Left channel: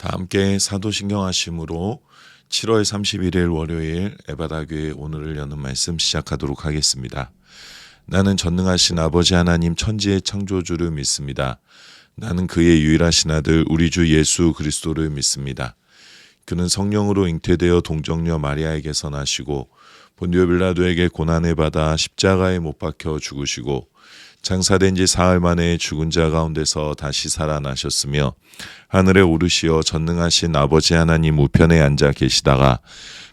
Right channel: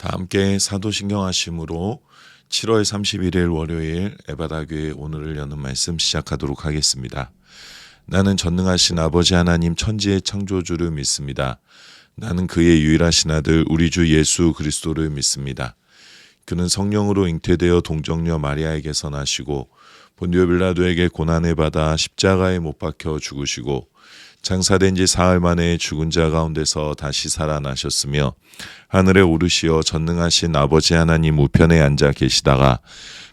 다 함께 사도신경 하심으로 7월 31일 월요일 에바다교회 오늘을 여는 말씀 시작하도록 하겠습니다. 나는 전능하신 아버지 하나님 천지의 창조주를 믿습니다. 나는 그의 유일하신 아들 우리 주 예수 그리스도를 믿습니다. 그는 성령으로 잉태되어 동정녀 마리아에게서 나시고 본디오 빌라도에게 고난을 받아 십자가에 못 박혀 죽으시고 장사된 지 사흘 만에 죽은 자 가운데서 다시 살아나셨으며 하늘에 오르시어 전능하신 아버지 하나님 우편에 앉아 계시다가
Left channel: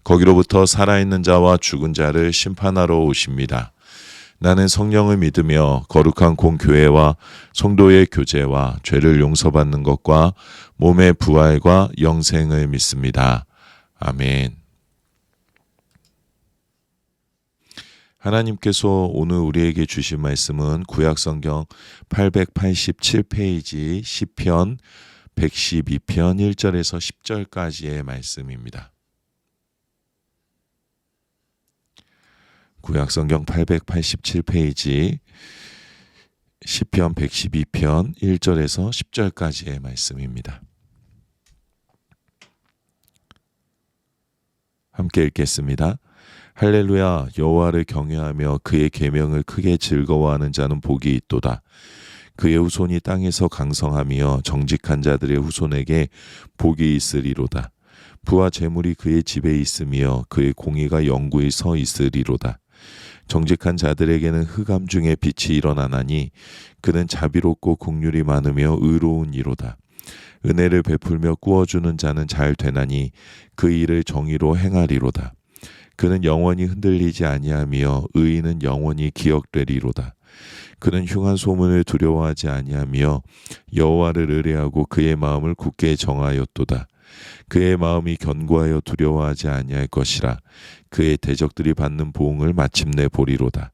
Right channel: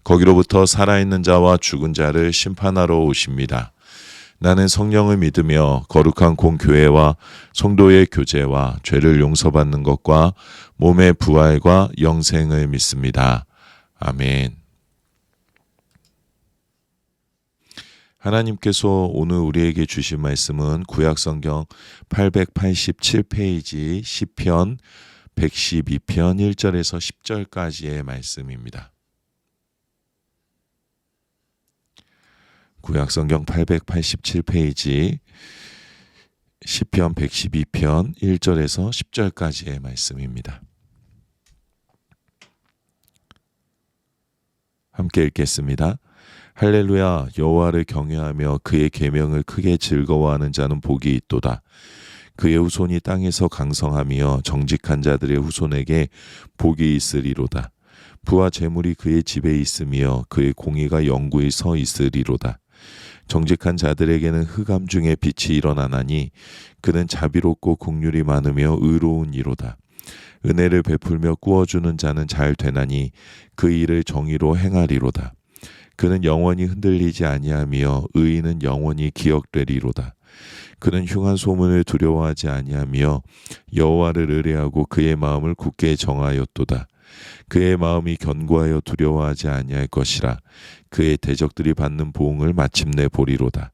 거기로부터 살아있는 자와 죽은 자를 심판하러 오십니다. 나는 성령을 믿으며 거룩한 공교회와 성도의 교제와 죄를 용서받는 것과 몸의 부활과 영생을 믿습니다. 아멘. 하나님께서 오늘 우리에게 주신 말씀은 구약성경 887페이지 시편 112편 1절에서 10절까지의 말씀입니다. 구약성경 887페이지 시편 112편 1절에서 10절까지의 말씀입니다. 함께 읽겠습니다. 할렐루야. 여호와를 경외하며 그의 계명을 크게 즐거워하는 자는 복이 있도다. 그의 후손이 땅에서 강성하며 정직한 자들의 후손에게 복이 있으리로다. 부와 재물이 그의 집에 있으며 그의 공의가 영구히 서 있으리로다. 정직한 자들에게는 흑암 중에 빛이 일어나나니 그는 자비롭고 긍휼이 많으며 의로운 이로다. 은혜를 베풀며 꾸어주는 자는 잘 되나니 그 일을 정의로 행하리로다. 그는 영원히 흔들리지 아니하며 의인은 영원히 기억되리로다. 그는 흉한 소문을 두려워하지 아니하며 여호와를 의뢰하고 그의 마음을 굳게 정하였도다. 그의 마음이 견고하여 두려워하지 아니할 것이라. 그의 대적들이 받는 보응을 마침내 보리로다.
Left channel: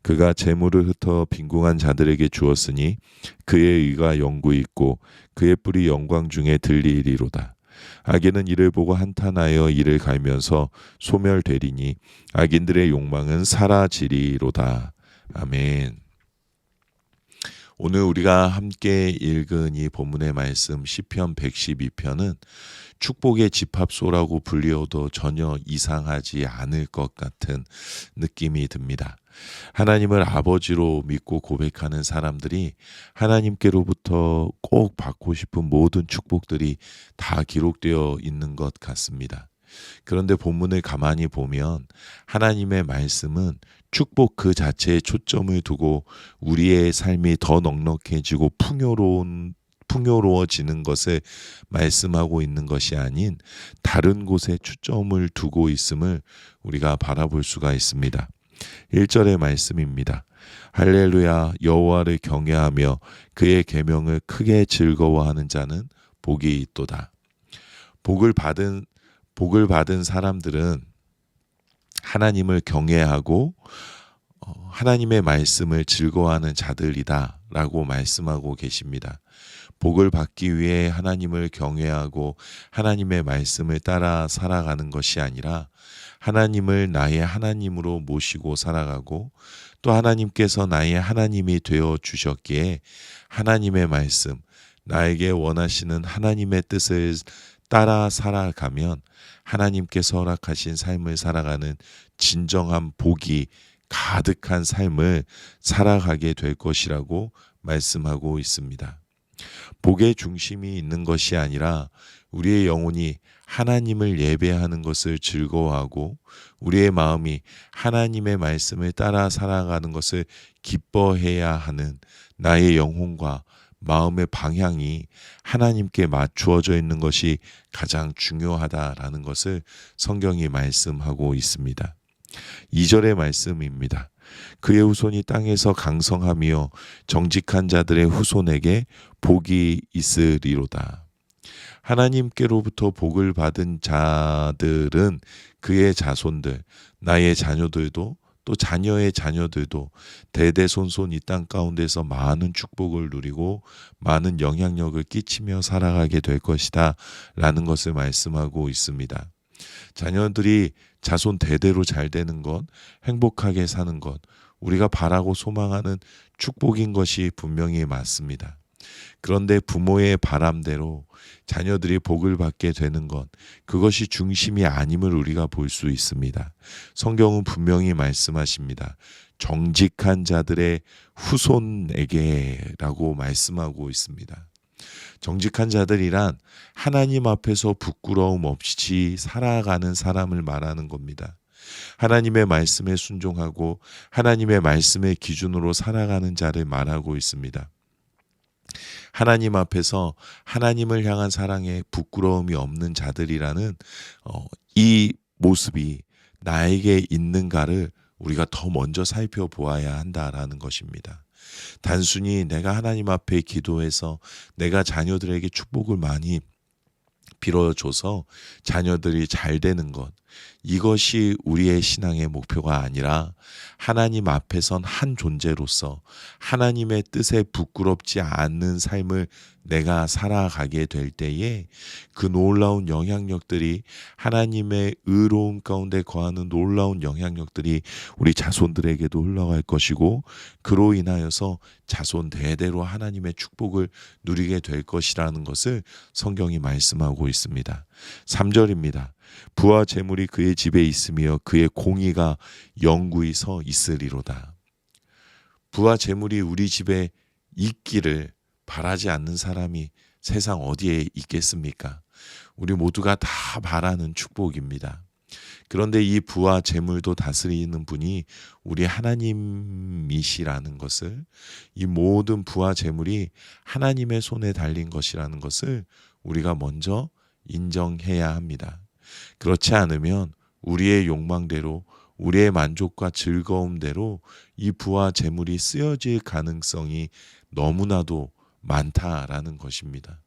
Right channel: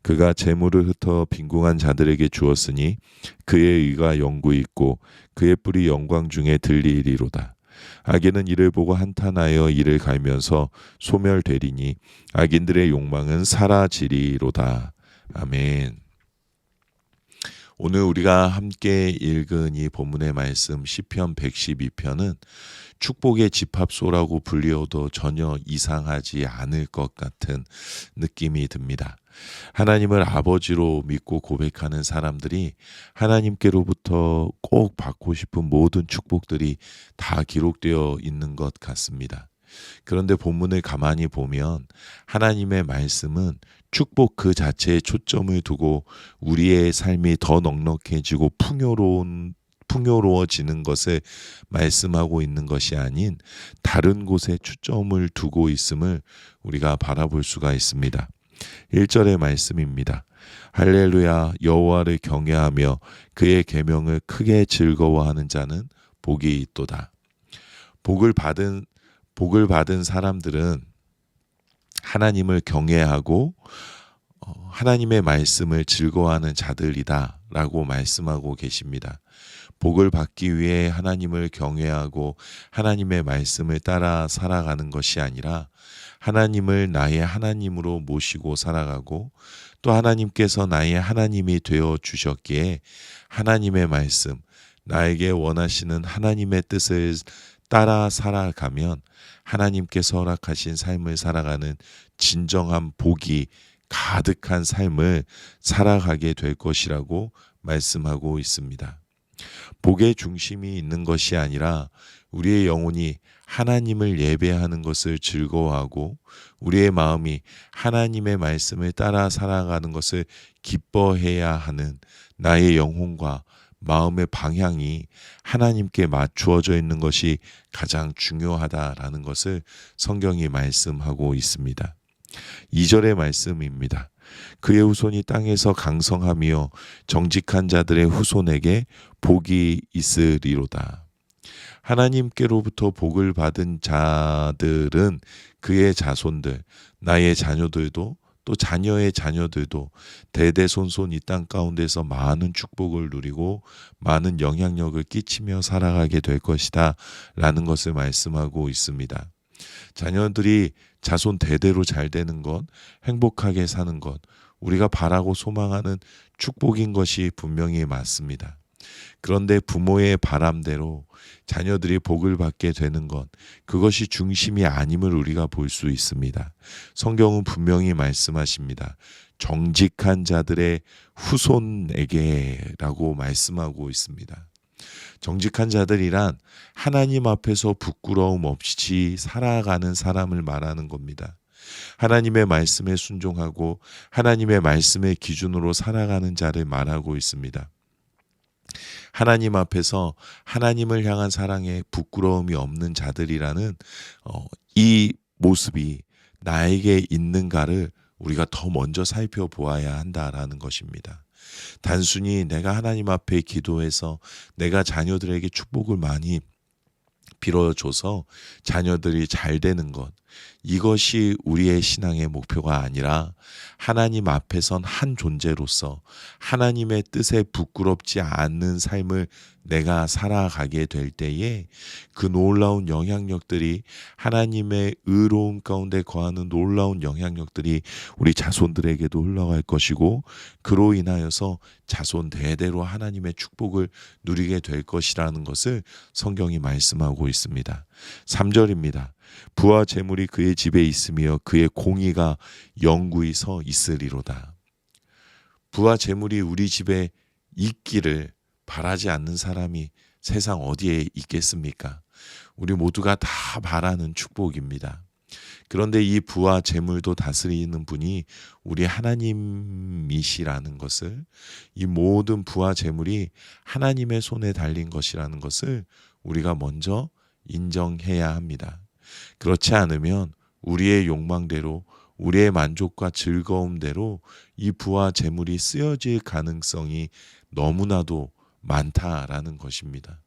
그가 재물을 흩어 빈궁한 자들에게 주었으니 그의 의가 영구히 있고 그의 뿔이 영광 중에 들리리로다. 악인은 이를 보고 한탄하여 이를 갈면서 소멸되리니 악인들의 욕망은 사라지리로다. 아멘. 오늘 우리가 함께 읽은 이 본문의 말씀 시편 112편은 축복의 집합소라고 불리어도 전혀 이상하지 않을 것 같은 느낌이 듭니다. 하나님을 아버지로 믿고 고백하는 사람들이 하나님께로부터 꼭 받고 싶은 모든 축복들이 다 기록되어 있는 것 같습니다. 그런데 본문을 가만히 보면 하나님의 말씀은 축복 그 자체에 초점을 두고 우리의 삶이 더 넉넉해지고 풍요로워지는 것을 말씀하고 있는 것이 아닌 다른 곳에 초점을 두고 있음을 우리가 바라볼 수가 있습니다. 1절의 말씀입니다. 할렐루야. 여호와를 경외하며 그의 계명을 크게 즐거워하는 자는 복이 있도다. 복을 받은 사람들은 하나님을 경외하고 하나님의 말씀을 즐거워하는 자들이다 라고 말씀하고 계십니다. 복을 받기 위해 하나님을 경외하고 하나님의 말씀을 따라 살아가는 것이 아니라 하나님을 나의 하나님으로 모시고 살아가고 또 하나님께서 나의 하나님이 되어 주셨기에 하나님의 말씀, 나에게 원하시는 하나님의 뜻을 따라 살아가면 하나님께서 허락하신 삶을 살아가는 진정한 복이 가득한 삶을 살아가게 될 것이라고 말씀하고 있습니다. 복의 중심이 있는 것이 아니라 우리의 영혼이 하나님을 예배하는 것을 즐거워하고 우리의 마음이 하나님의 말씀을 따라 살아가는 것을 기뻐해야 하는 나의 영혼과 마음의 방향이 하나님께 맞추어져 있는 것이 가장 중요하다라는 것을 성경이 말씀하고 있습니다. 2절의 말씀입니다. 그의 후손이 땅에서 강성하며 정직한 자들의 후손에게 복이 있으리로다. 하나님께로부터 복을 받은 자들은 그의 자손들, 나의 자녀들도 또 자녀의 자녀들도 대대손손 이 땅 가운데서 많은 축복을 누리고 많은 영향력을 끼치며 살아가게 될 것이다 라는 것을 말씀하고 있습니다. 자녀들이 자손 대대로 잘 되는 것, 행복하게 사는 것, 우리가 바라고 소망하는 축복인 것이 분명히 맞습니다. 그런데 부모의 바람대로 자녀들이 복을 받게 되는 것, 그것이 중심이 아님을 우리가 볼 수 있습니다. 성경은 분명히 말씀하십니다. 정직한 자들의 후손에게라고 말씀하고 있습니다. 정직한 자들이란 하나님 앞에서 부끄러움 없이 살아가는 사람을 말하는 겁니다. 하나님의 말씀에 순종하고 하나님의 말씀의 기준으로 살아가는 자를 말하고 있습니다. 하나님 앞에서 하나님을 향한 사랑에 부끄러움이 없는 자들이라는 이 모습이 나에게 있는가를 우리가 더 먼저 살펴보아야 한다라는 것입니다. 단순히 내가 하나님 앞에 기도해서 내가 자녀들에게 축복을 많이 빌어줘서 자녀들이 잘 되는 것, 이것이 우리의 신앙의 목표가 아니라 하나님 앞에선 한 존재로서 하나님의 뜻에 부끄럽지 않는 삶을 내가 살아가게 될 때에 그 놀라운 영향력들이, 하나님의 의로움 가운데 거하는 놀라운 영향력들이 우리 자손들에게도 흘러갈 것이고, 그로 인하여서 자손 대대로 하나님의 축복을 누리게 될 것이라는 것을 성경이 말씀하고 있습니다. 3절입니다. 부와 재물이 그의 집에 있으며 그의 공의가 영구히 서 있으리로다. 부와 재물이 우리 집에 있기를 바라지 않는 사람이 세상 어디에 있겠습니까? 우리 모두가 다 바라는 축복입니다. 그런데 이 부와 재물도 다스리는 분이 우리 하나님이시라는 것을, 이 모든 부와 재물이 하나님의 손에 달린 것이라는 것을 우리가 먼저 인정해야 합니다. 그렇지 않으면 우리의 욕망대로, 우리의 만족과 즐거움대로 이 부와 재물이 쓰여질 가능성이 너무나도 많다라는 것입니다.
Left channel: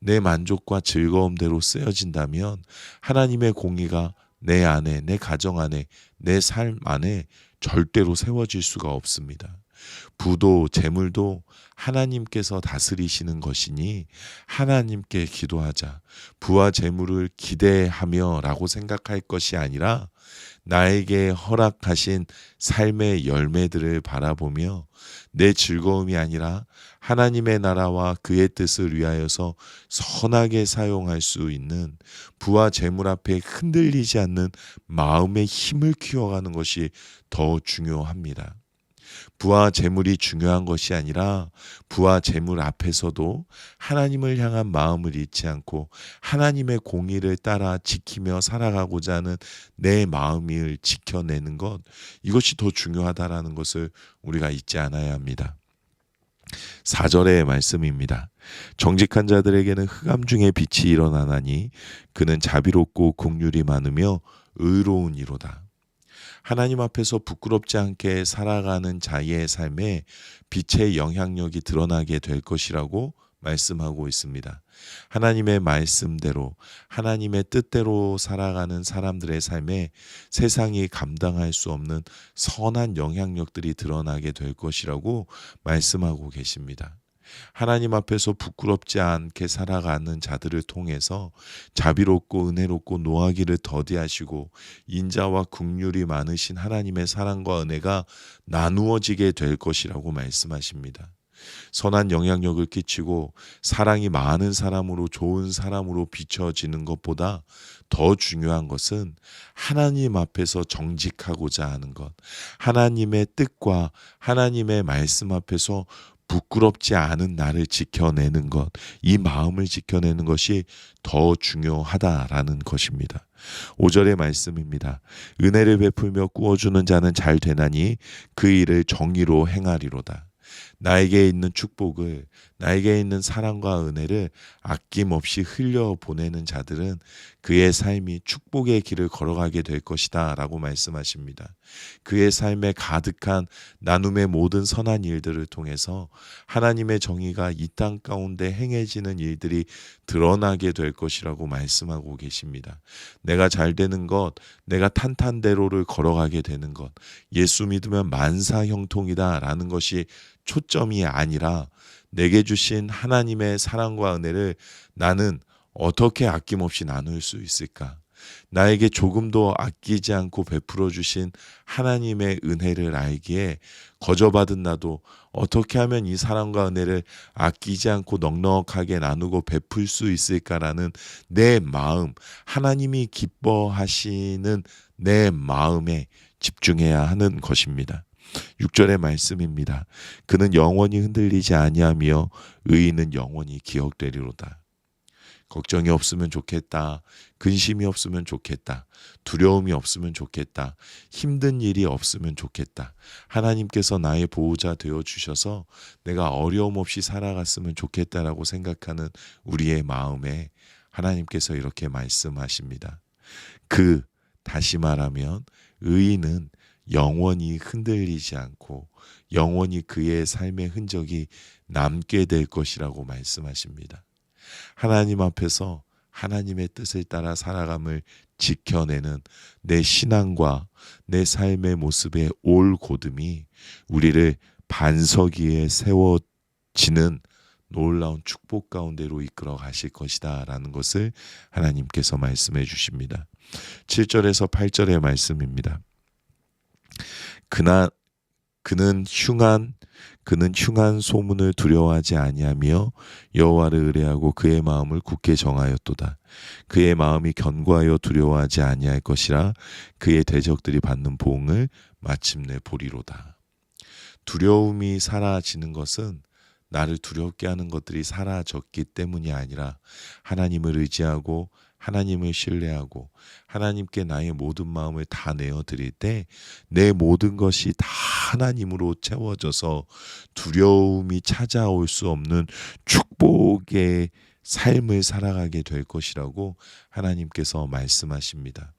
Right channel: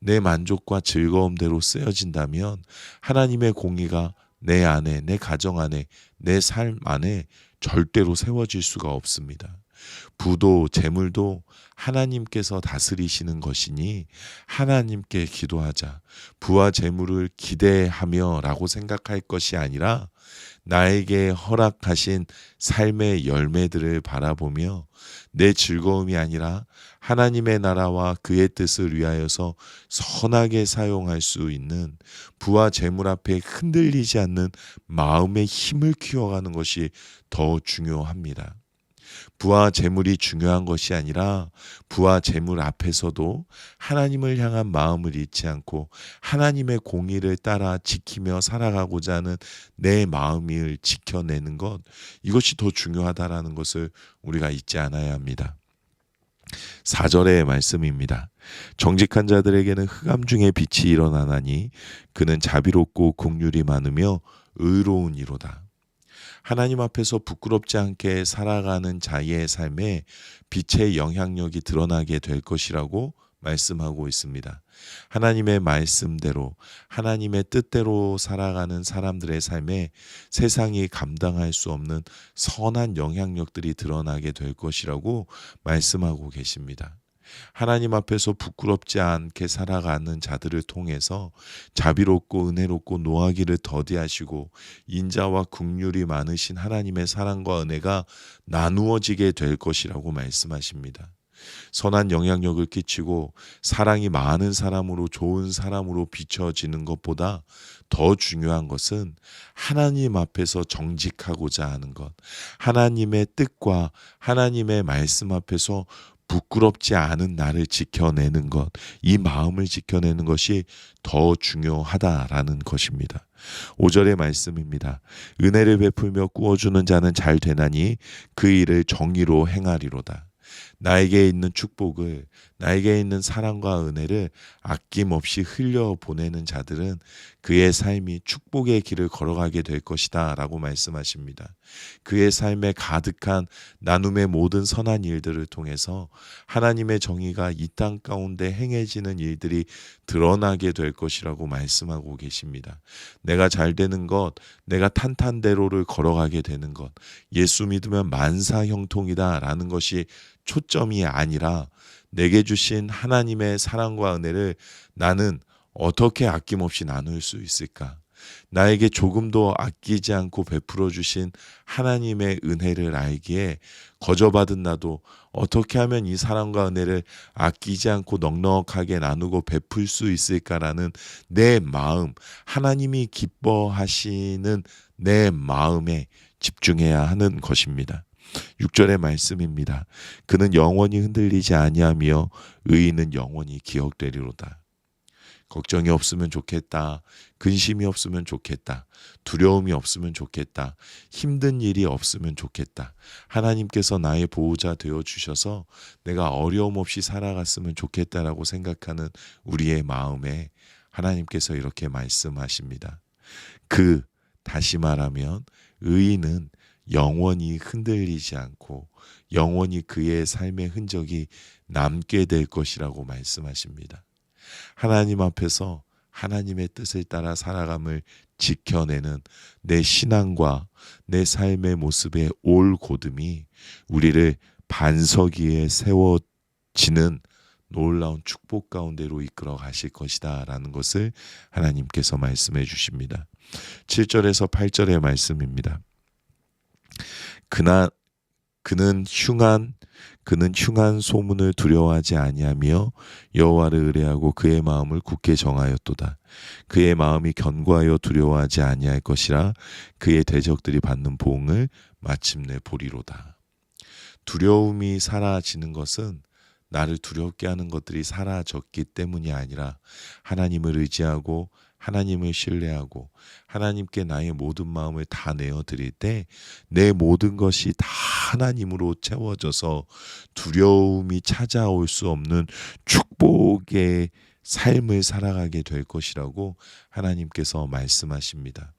내 만족과 즐거움대로 쓰여진다면 하나님의 공의가 내 안에, 내 가정 안에, 내 삶 안에 절대로 세워질 수가 없습니다. 부도 재물도 하나님께서 다스리시는 것이니 하나님께 기도하자. 부와 재물을 기대하며 라고 생각할 것이 아니라 나에게 허락하신 삶의 열매들을 바라보며 내 즐거움이 아니라 하나님의 나라와 그의 뜻을 위하여서 선하게 사용할 수 있는, 부와 재물 앞에 흔들리지 않는 마음의 힘을 키워가는 것이 더 중요합니다. 부와 재물이 중요한 것이 아니라 부와 재물 앞에서도 하나님을 향한 마음을 잃지 않고 하나님의 공의를 따라 지키며 살아가고자 하는 내 마음을 지켜내는 것, 이것이 더 중요하다라는 것을 우리가 잊지 않아야 합니다. 4절의 말씀입니다. 정직한 자들에게는 흑암 중에 빛이 일어나나니 그는 자비롭고 긍휼이 많으며 의로우니로다. 하나님 앞에서 부끄럽지 않게 살아가는 자의 삶에 빛의 영향력이 드러나게 될 것이라고 말씀하고 있습니다. 하나님의 말씀대로, 하나님의 뜻대로 살아가는 사람들의 삶에 세상이 감당할 수 없는 선한 영향력들이 드러나게 될 것이라고 말씀하고 계십니다. 하나님 앞에서 부끄럽지 않게 살아가는 자들을 통해서 자비롭고 은혜롭고 노하기를 더디하시고 인자와 긍휼이 많으신 하나님의 사랑과 은혜가 나누어지게 될 것이라고 말씀하십니다. 선한 영향력을 끼치고 사랑이 많은 사람으로, 좋은 사람으로 비춰지는 것보다 더 중요한 것은 하나님 앞에서 정직하고자 하는 것, 하나님의 뜻과 하나님의 말씀 앞에서 부끄럽지 않은 나를 지켜내는 것, 이 마음을 지켜내는 것이 더 중요하다라는 것입니다. 5절의 말씀입니다. 은혜를 베풀며 꾸어주는 자는 잘 되나니 그 일을 정의로 행하리로다. 나에게 있는 축복을, 나에게 있는 사랑과 은혜를 아낌없이 흘려보내는 자들은 그의 삶이 축복의 길을 걸어가게 될 것이다 라고 말씀하십니다. 그의 삶에 가득한 나눔의 모든 선한 일들을 통해서 하나님의 정의가 이 땅 가운데 행해지는 일들이 드러나게 될 것이라고 말씀하고 계십니다. 내가 잘 되는 것, 내가 탄탄대로를 걸어가게 되는 것, 예수 믿으면 만사형통이다 라는 것이 초점이 아니라 내게 주신 하나님의 사랑과 은혜를 나는 어떻게 아낌없이 나눌 수 있을까? 나에게 조금도 아끼지 않고 베풀어 주신 하나님의 은혜를 알기에 거저받은 나도 어떻게 하면 이 사랑과 은혜를 아끼지 않고 넉넉하게 나누고 베풀 수 있을까라는 내 마음, 하나님이 기뻐하시는 내 마음에 집중해야 하는 것입니다. 6절의 말씀입니다. 그는 영원히 흔들리지 아니하며 의인은 영원히 기억되리로다. 걱정이 없으면 좋겠다. 근심이 없으면 좋겠다. 두려움이 없으면 좋겠다. 힘든 일이 없으면 좋겠다. 하나님께서 나의 보호자 되어 주셔서 내가 어려움 없이 살아갔으면 좋겠다라고 생각하는 우리의 마음에 하나님께서 이렇게 말씀하십니다. 다시 말하면 의인은 영원히 흔들리지 않고 영원히 그의 삶의 흔적이 남게 될 것이라고 말씀하십니다. 하나님 앞에서 하나님의 뜻을 따라 살아감을 지켜내는 내 신앙과 내 삶의 모습의 올곧음이 우리를 반석 위에 세워지는 놀라운 축복 가운데로 이끌어 가실 것이다 라는 것을 하나님께서 말씀해 주십니다. 7절에서 8절의 말씀입니다. 그는 흉한 소문을 두려워하지 아니하며 여호와를 의뢰하고 그의 마음을 굳게 정하였도다. 그의 마음이 견고하여 두려워하지 아니할 것이라 그의 대적들이 받는 보응을 마침내 보리로다. 두려움이 사라지는 것은 나를 두렵게 하는 것들이 사라졌기 때문이 아니라 하나님을 의지하고 하나님을 신뢰하고 하나님께 나의 모든 마음을 다 내어드릴 때 내 모든 것이 다 하나님으로 채워져서 두려움이 찾아올 수 없는 축복의 삶을 살아가게 될 것이라고 하나님께서 말씀하십니다.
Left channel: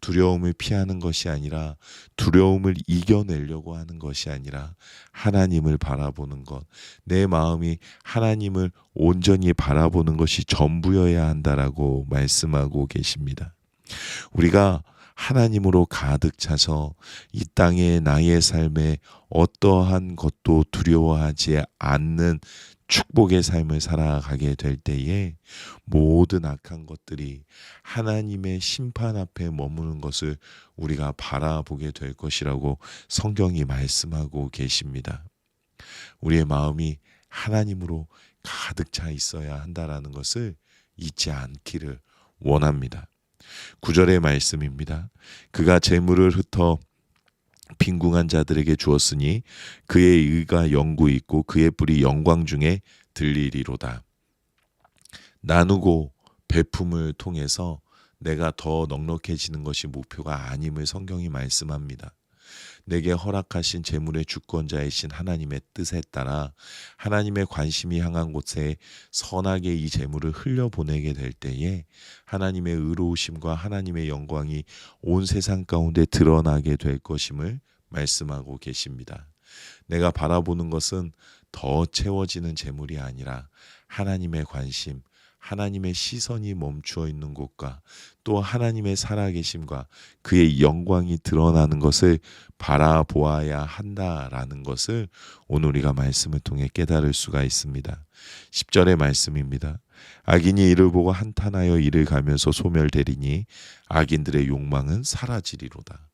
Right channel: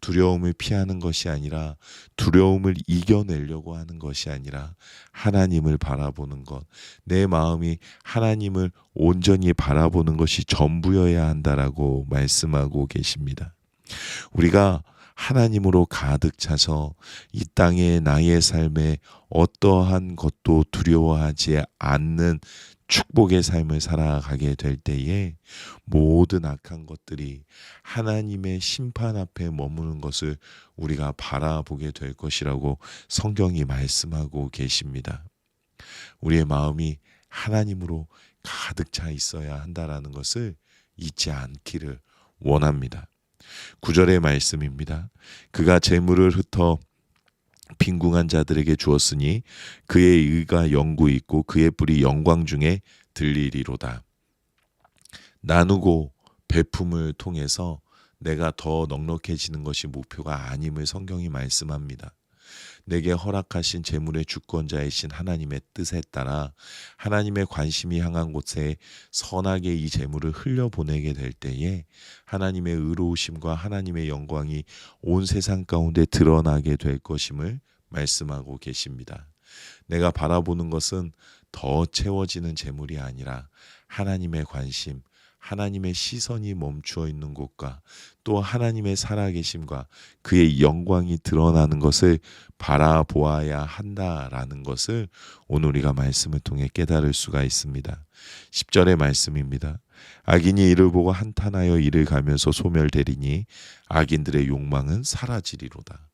두려움을 피하는 것이 아니라 두려움을 이겨내려고 하는 것이 아니라 하나님을 바라보는 것, 내 마음이 하나님을 온전히 바라보는 것이 전부여야 한다라고 말씀하고 계십니다. 우리가 하나님으로 가득 차서 이 땅에 나의 삶에 어떠한 것도 두려워하지 않는 축복의 삶을 살아가게 될 때에 모든 악한 것들이 하나님의 심판 앞에 머무는 것을 우리가 바라보게 될 것이라고 성경이 말씀하고 계십니다. 우리의 마음이 하나님으로 가득 차 있어야 한다라는 것을 잊지 않기를 원합니다. 9절의 말씀입니다. 그가 재물을 흩어 빈궁한 자들에게 주었으니 그의 의가 영구히 있고 그의 뿔이 영광 중에 들리리로다. 나누고 베품을 통해서 내가 더 넉넉해지는 것이 목표가 아님을 성경이 말씀합니다. 내게 허락하신 재물의 주권자이신 하나님의 뜻에 따라 하나님의 관심이 향한 곳에 선하게 이 재물을 흘려보내게 될 때에 하나님의 의로우심과 하나님의 영광이 온 세상 가운데 드러나게 될 것임을 말씀하고 계십니다. 내가 바라보는 것은 더 채워지는 재물이 아니라 하나님의 관심, 하나님의 시선이 멈추어 있는 곳과 또 하나님의 살아계심과 그의 영광이 드러나는 것을 바라보아야 한다라는 것을 오늘 우리가 말씀을 통해 깨달을 수가 있습니다. 10절의 말씀입니다. 악인이 이를 보고 한탄하여 이를 가면서 소멸되리니 악인들의 욕망은 사라지리로다.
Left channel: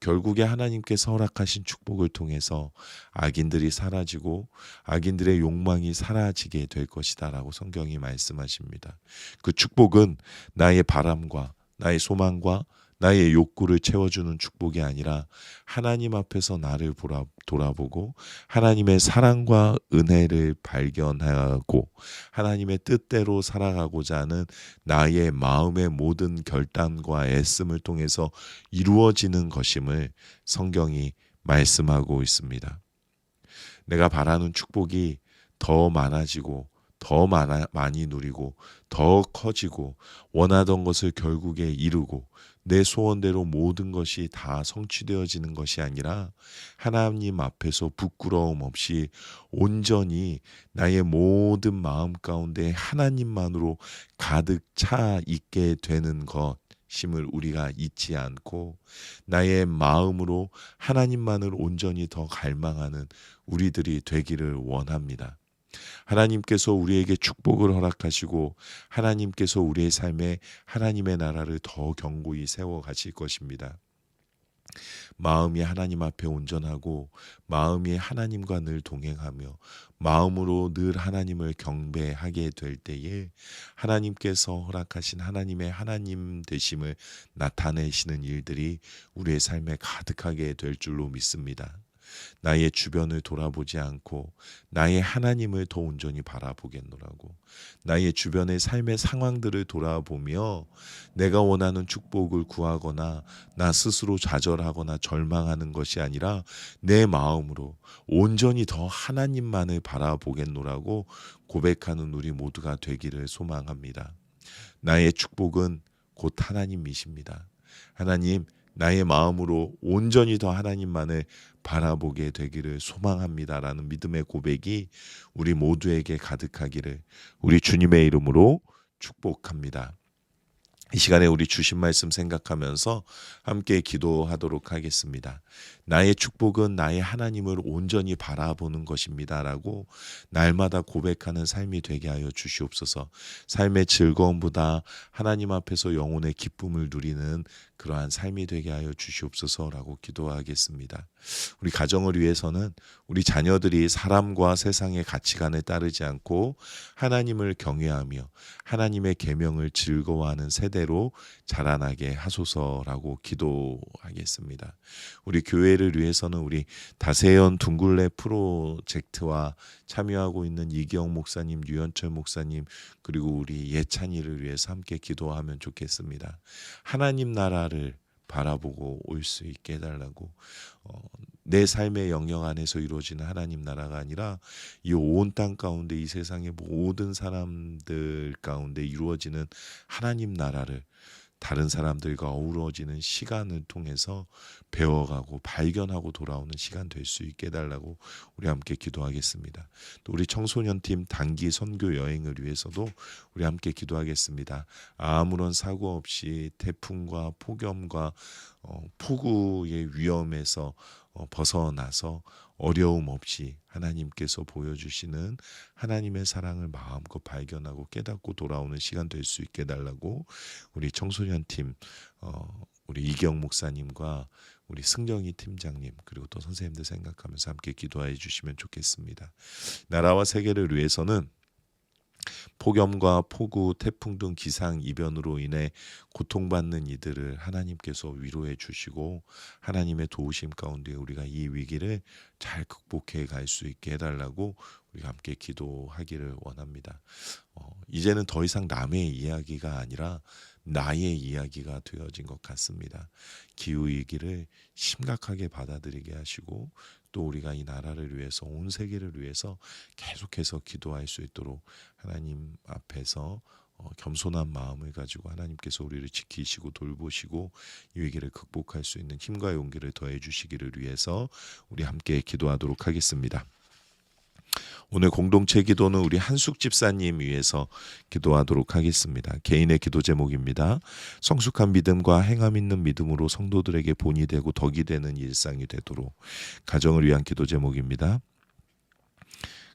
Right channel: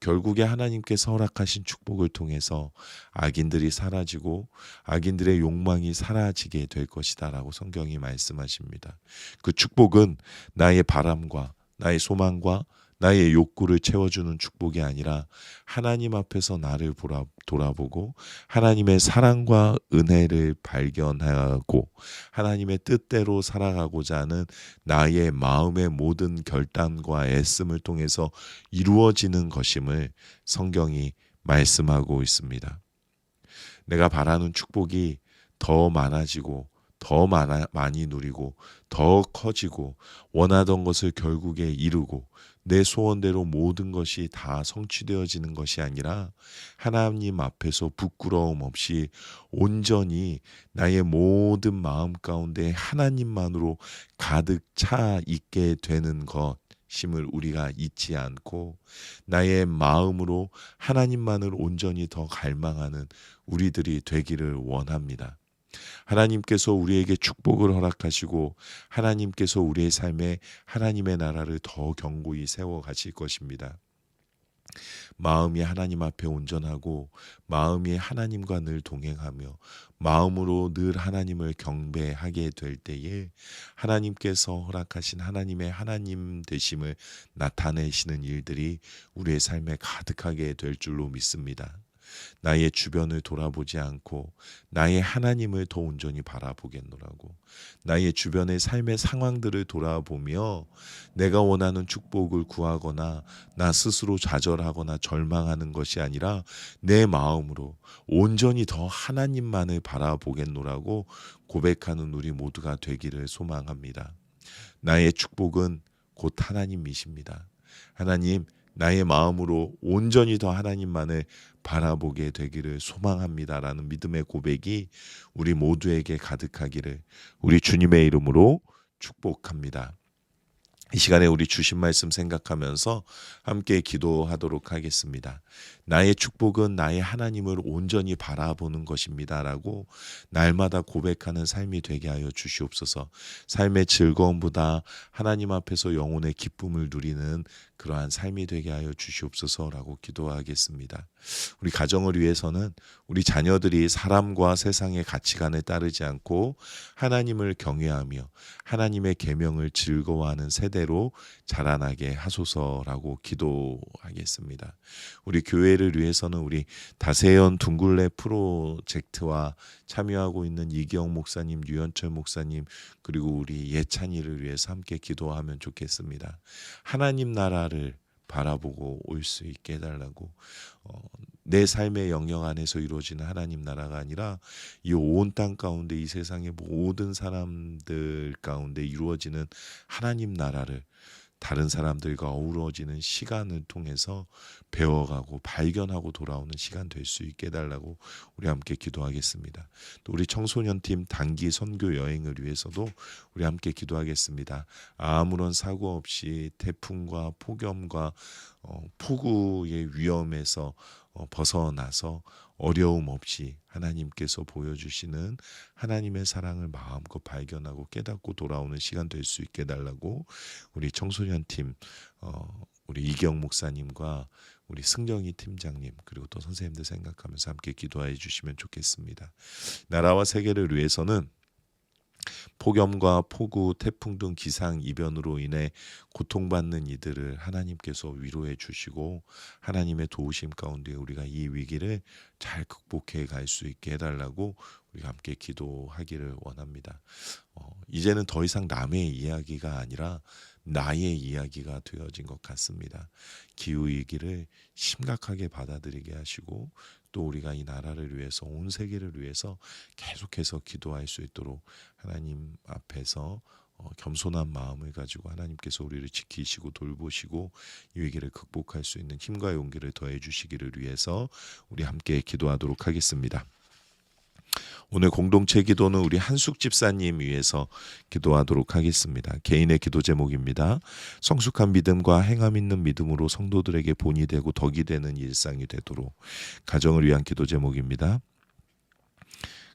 결국에 하나님께서 허락하신 축복을 통해서 악인들이 사라지고 악인들의 욕망이 사라지게 될 것이다 라고 성경이 말씀하십니다. 그 축복은 나의 바람과 나의 소망과 나의 욕구를 채워주는 축복이 아니라 하나님 앞에서 나를 돌아보고 하나님의 사랑과 은혜를 발견하고 하나님의 뜻대로 살아가고자 하는 나의 마음의 모든 결단과 애씀을 통해서 이루어지는 것임을 성경이 말씀하고 있습니다. 내가 바라는 축복이 더 많아지고 더 많이 누리고 더 커지고 원하던 것을 결국에 이루고 내 소원대로 모든 것이 다 성취되어지는 것이 아니라 하나님 앞에서 부끄러움 없이 온전히 나의 모든 마음 가운데 하나님만으로 가득 차 있게 되는 것임을 우리가 잊지 않고 나의 마음으로 하나님만을 온전히 더 갈망하는 우리들이 되기를 원합니다. 하나님께서 우리에게 축복을 허락하시고 하나님께서 우리의 삶에 하나님의 나라를 더 견고히 세워 가실 것입니다. 마음이 하나님 앞에 온전하고 마음이 하나님과 늘 동행하며 마음으로 늘 하나님을 경배하게 될 때에 하나님께서 허락하신 하나님의 하나님 되심을 나타내시는 일들이 우리의 삶에 가득하게 될 줄로 믿습니다. 나의 주변을 돌아보지 않고 나의 하나님을 더 온전히 바라보겠노라고, 나의 주변의 삶의 상황들을 돌아보며 내가 원하는 축복을 구하거나 나 스스로 좌절하거나 절망하는 것이 아니라 내 마음으로 온전히 더 하나님만을 바라보겠노라고 고백하는 우리 모두가 되기를 소망합니다. 나의 축복은 곧 하나님이십니다. 하나님, 나의 마음으로 온전히 더 하나님만을 바라보게 되기를 소망합니다라는 믿음의 고백이 우리 모두에게 가득하기를 우리 주님의 이름으로 축복합니다. 이 시간에 우리 주신 말씀 생각하면서 함께 기도하도록 하겠습니다. 나의 축복은 나의 하나님을 온전히 바라보는 것입니다라고 날마다 고백하는 삶이 되게 하여 주시옵소서. 삶의 즐거움보다 하나님 앞에서 영혼의 기쁨을 누리는 그러한 삶이 되게 하여 주시옵소서라고 기도하겠습니다. 우리 가정을 위해서는 우리 자녀들이 사람과 세상의 가치관에 따르지 않고 하나님을 경외하며 하나님의 계명을 즐거워하는 세대로 자라나게 하소서라고 기도하겠습니다. 우리 교회를 위해서는 우리 다세연 둥굴레 프로젝트와 참여하고 있는 이기영 목사님, 유현철 목사님, 그리고 우리 예찬이를 위해서 함께 기도하면 좋겠습니다. 하나님 나라를 바라보고 올 수 있게 해달라고, 내 삶의 영역 안에서 이루어지는 하나님 나라가 아니라 이 온 땅 가운데 이 세상의 모든 사람들 가운데 이루어지는 하나님 나라를 다른 사람들과 어우러지는 시간을 통해서 배워가고 발견하고 돌아오는 시간 될 수 있게 해달라고 우리 함께 기도하겠습니다. 또 우리 청소년팀 단기 선교 여행을 위해서도 우리 함께 기도하겠습니다. 아무런 사고 없이 태풍과 폭염과 폭우의 위험에서 벗어나서 어려움 없이 하나님께서 보여주시는 하나님의 사랑을 마음껏 발견하고 깨닫고 돌아오는 시간 될 수 있게 해달라고 우리 청소년팀 우리 이경 목사님과 우리 승정이 팀장님 그리고 또 선생님들 생각하면서 함께 기도해 주시면 좋겠습니다. 나라와 세계를 위해서는 폭염과 폭우, 태풍 등 기상 이변으로 인해 고통받는 이들을 하나님께서 위로해 주시고 하나님의 도우심 가운데 우리가 이 위기를 잘 극복해 갈 수 있게 해달라고 우리가 함께 기도하기를 원합니다. 이제는 더 이상 남의 이야기가 아니라 나의 이야기가 되어진 것 같습니다. 기후위기를 심각하게 받아들이게 하시고 또 우리가 이 나라를 위해서 온 세계를 위해서 계속해서 기도할 수 있도록 하나님 앞에서 겸손한 마음을 가지고 하나님께서 우리를 지키시고 돌보시고 이 위기를 극복할 수 있는 힘과 용기를 더해 주시기를 위해서 우리 함께 기도하도록 하겠습니다. 오늘 공동체 기도는 우리 한숙 집사님 위해서 기도하도록 하겠습니다. 개인의 기도 제목입니다. 성숙한 믿음과 행함 있는 믿음으로 성도들에게 본이 되고 덕이 되는 일상이 되도록. 가정을 위한 기도 제목입니다.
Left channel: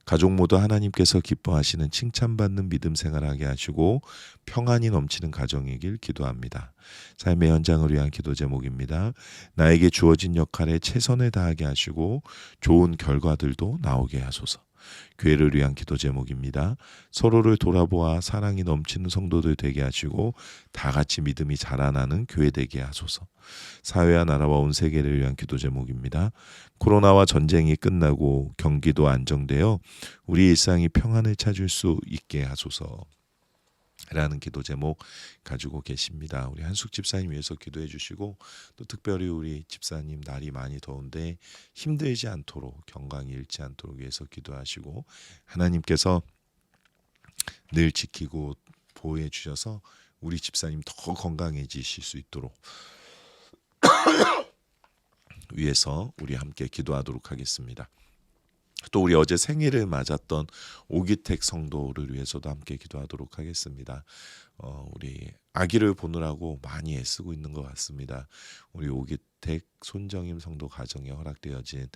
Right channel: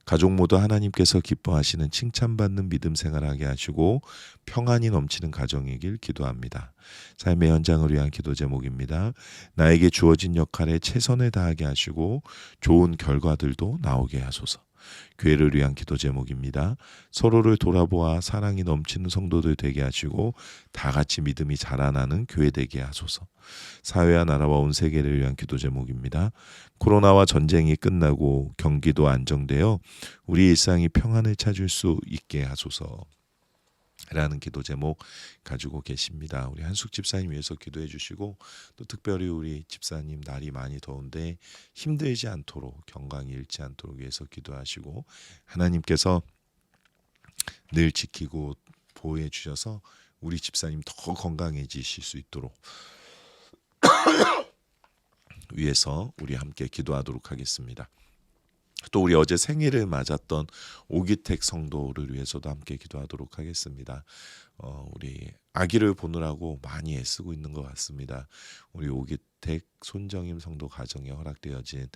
가족 모두 하나님께서 기뻐하시는 칭찬받는 믿음 생활하게 하시고 평안이 넘치는 가정이길 기도합니다. 삶의 현장을 위한 기도 제목입니다. 나에게 주어진 역할에 최선을 다하게 하시고 좋은 결과들도 나오게 하소서. 교회를 위한 기도 제목입니다. 서로를 돌아보아 사랑이 넘치는 성도들 되게 하시고 다 같이 믿음이 자라나는 교회 되게 하소서. 사회와 나라와 온 세계를 위한 기도 제목입니다. 코로나와 전쟁이 끝나고 경기도 안정되어 우리 일상이 평안을 찾을 수 있게 하소서. 라는 기도 제목 가지고 계십니다. 우리 한숙 집사님 위해서 기도해 주시고 또 특별히 우리 집사님 날이 많이 더운데 힘들지 않도록 건강이 잃지 않도록 위해서 기도하시고 하나님께서 늘 지키고 보호해 주셔서 우리 집사님 더 건강해지실 수 있도록 위해서 우리 함께 기도하도록 하겠습니다. 또 우리 어제 생일을 맞았던 오기택 성도를 위해서도 함께 기도하도록 하겠습니다. 우리 아기를 보느라고 많이 애쓰고 있는 것 같습니다. 우리 오기택 손정임 성도 가정에 허락되어진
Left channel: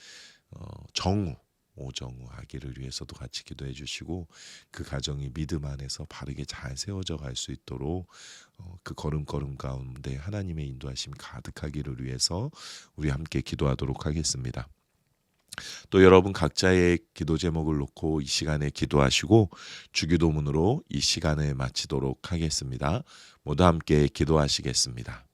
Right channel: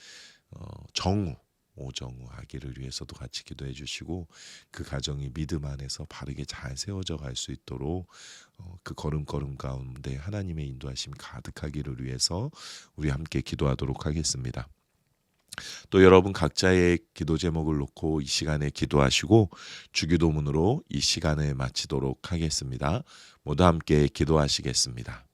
정우 오정우 아기를 위해서도 같이 기도해 주시고 그 가정이 믿음 안에서 바르게 잘 세워져 갈 수 있도록 그 걸음걸음 가운데 하나님의 인도하심이 가득하기를 위해서 우리 함께 기도하도록 하겠습니다. 또 여러분 각자의 기도 제목을 놓고 이 시간에 기도하시고 주기도문으로 이 시간을 마치도록 하겠습니다. 모두 함께 기도하시겠습니다.